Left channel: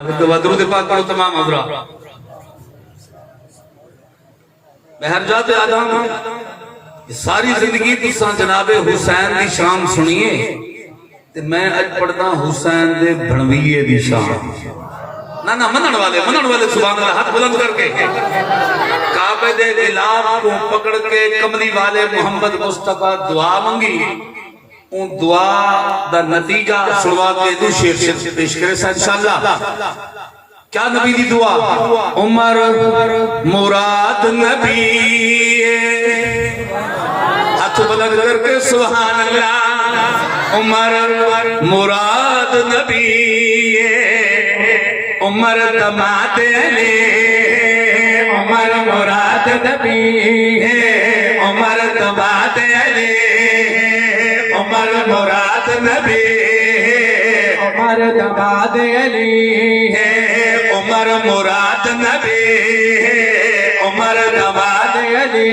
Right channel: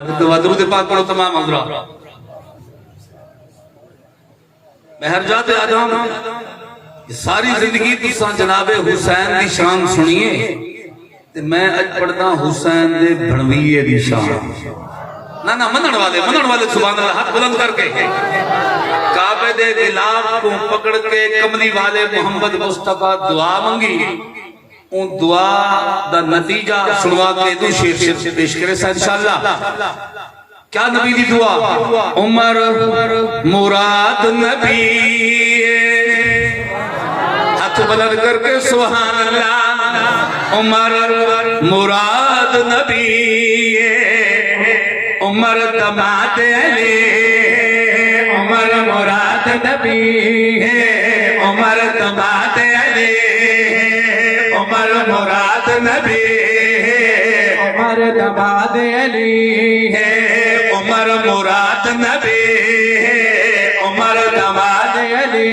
दरूद पाक पढ़ो तमाम हजरा। महरजात आदम सारी जिंदगी तुसा जनाबे हुसैन दी शान सुनिए ते मैं अज पढ़दा हुसैन दे भणवीए दी शान। ना ना मनण वाले सुभान अल्लाह हाथ बुलंद करके काबे दे गिलाफ को पकड़ के कमली वाले मोहम्मद मुस्तफा दुआ मंगी। उन दुआ दा नतीजा सुनवा के दो शेर से पेश करे इंशाअल्लाह। क्या नबी दी दुआ? उमर मुराद नबी हाथ बुलंद करके सुभान अल्लाह। उमर मुराद नबी उमर दमाद अली उमर मुराद नबी उमर दमाद अली उमर मुराद नबी उमर दमाद अली उमर मुराद नबी उमर दमाद अली।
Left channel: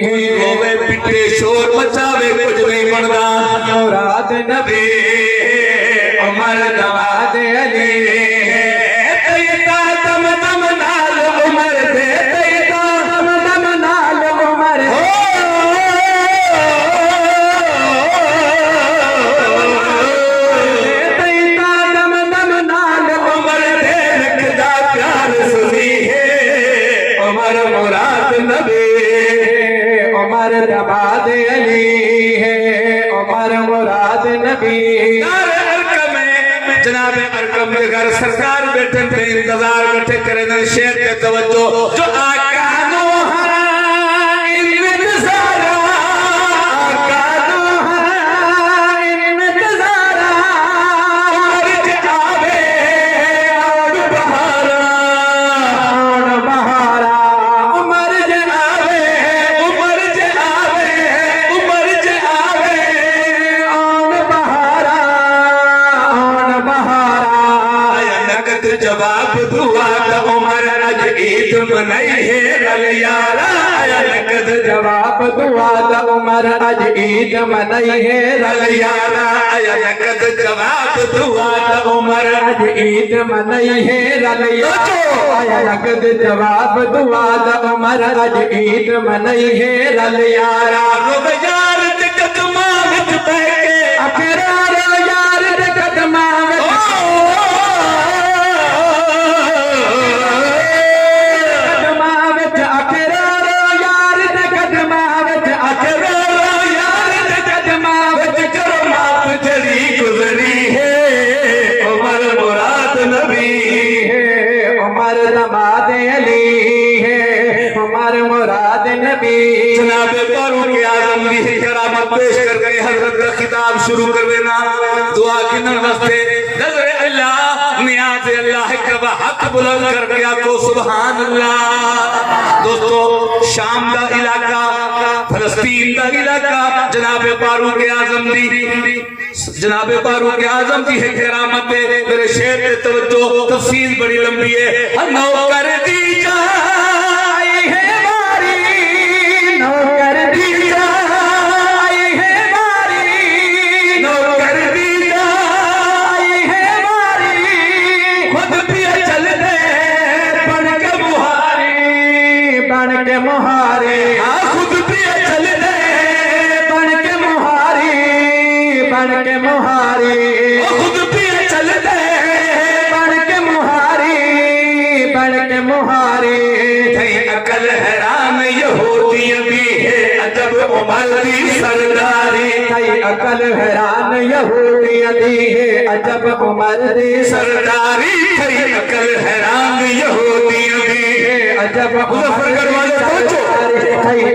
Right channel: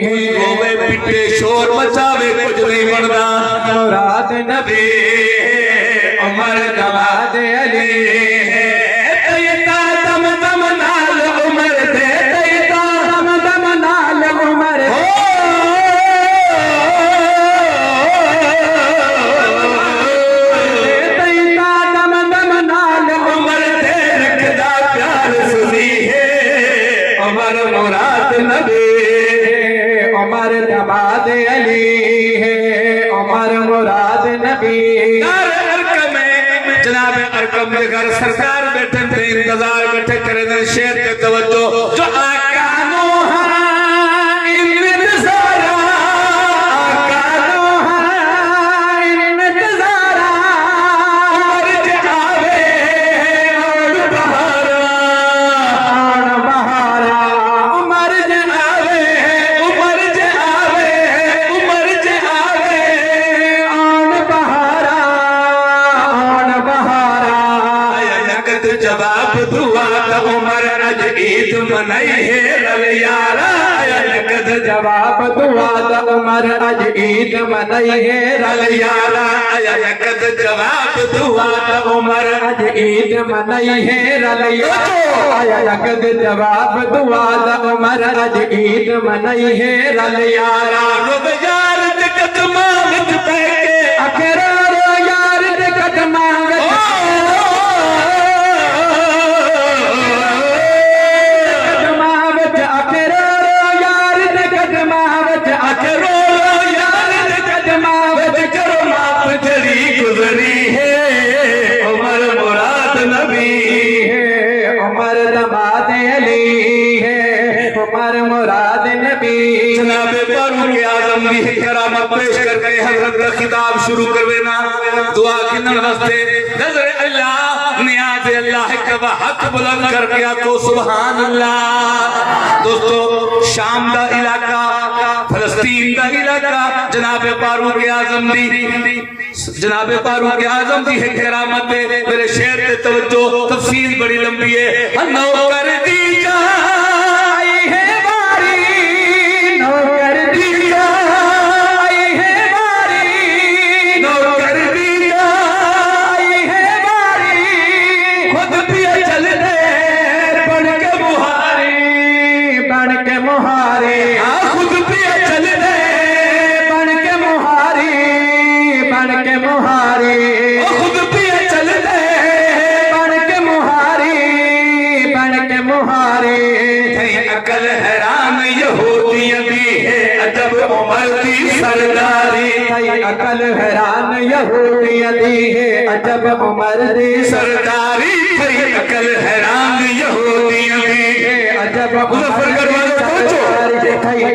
कोई रोवे पिटे शोर मचावे कुछ नहीं बनता। मुराद नबी उमर दमाद अली उमर दमाद अली है उमर मुराद नबी। जनाब अरकम के घर सरकार बैठे थे इंतजार बैठे करे शेर के तवज्जो जो आकानो हरा इंतजारा आकानो हरा इंतजारा उमर के आवे और बहारा उमर के आवे उमर के आवे उमर के आवे और बहारा जवाब दुआ तो उमर अज ईद मनाई है रल यारा। नकद जवाब दुआ तो उमर अज ईद मनाई है रल यारा। नकद जवाब दुआ तो उमर अज ईद मनाई है रल यारा। नकद जवाब दुआ तो उमर अज ईद मनाई है रल यारा। रुब यार दे कदमां विच पै के अखेरा रो यार दे कदमां पेश करके हजरत का खिताब शुरू कर देना। दुआ की नज़र नजर अल्लाह नियाज अल्लाह के हक बुलंद करके आपको सुभान अल्लाह। दोस्तों शाम का इलाका फलस्तीन का इलाका जनाब फारूक आजम दी है करामत मेरे शेर पे तवज्जो। तफसील बड़ी लंबी है। नौकर दी जाई है बारी नौकर दी मुहारे खुद भी चल दे बन के मुहारे बन के मुहारे खुद भी चल दे बन के मुहारे बन के मुहारे। अकल हैरान यहूदियत भी है अजब उमर की सरदारी। अकल हैरान यहूदियत है अजब उमर की सरदारी। अकल हैरान यहूदियत है अजब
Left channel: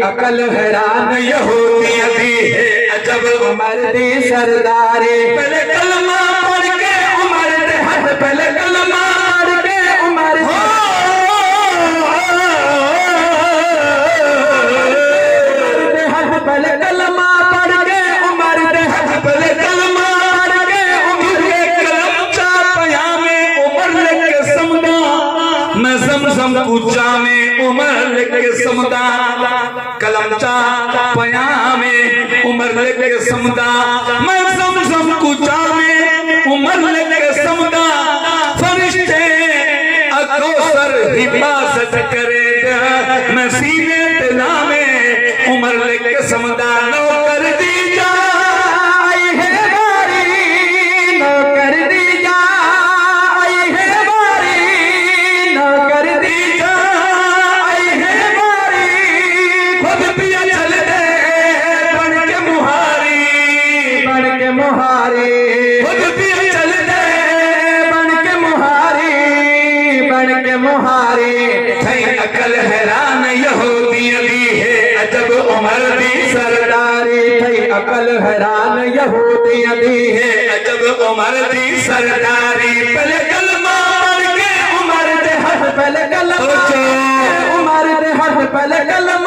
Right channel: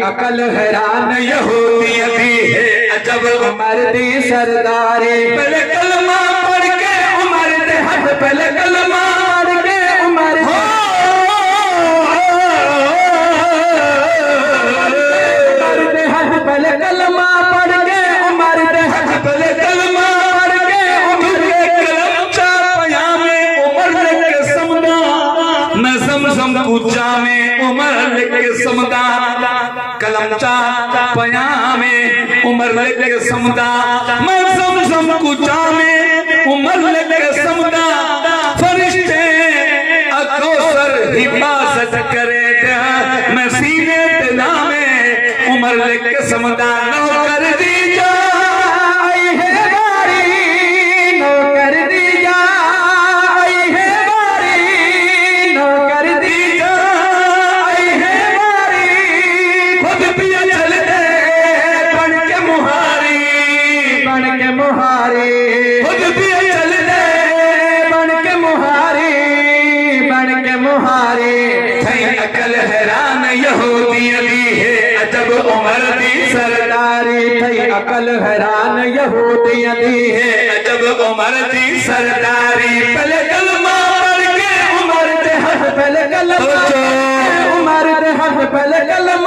अकल हैरान यहूदियत है अजब उमर दी सरदारी। पहले कलमा पढ़ के उमर दे हाथ पहले कलमा पढ़ के उमर दे हाथ पहले कलमा पढ़ के उमर दे हाथ पहले कलमा पढ़ के उमर के कलम चा पया में उमर लेके समदा मैं समझम पूछा में उमर लेके समदा कलम चा पया में उमर लेके समदा मैं समझम कुचा में उमर लेके समदा फरिश्ते कौसर हिफाजत करे दिया मैं सीने ते नामे उमर लिख समदा नौकर दी जाई है बारी नौकर दी जाई है बारी नौकर दी जाई है बारी खुद पिया चल दे बन के मुहारी खुद पिया चल दे बन के मुहारी थई अकल हैरान यहूदी दी है अजब उमर दी सरदारी थई अकल हैरान यहूदी दी है अजब उमर दी सरदारी पहले कलमा पढ़ के उमर दे हथ पहले कलमा उमर दे हथ पहले कलमा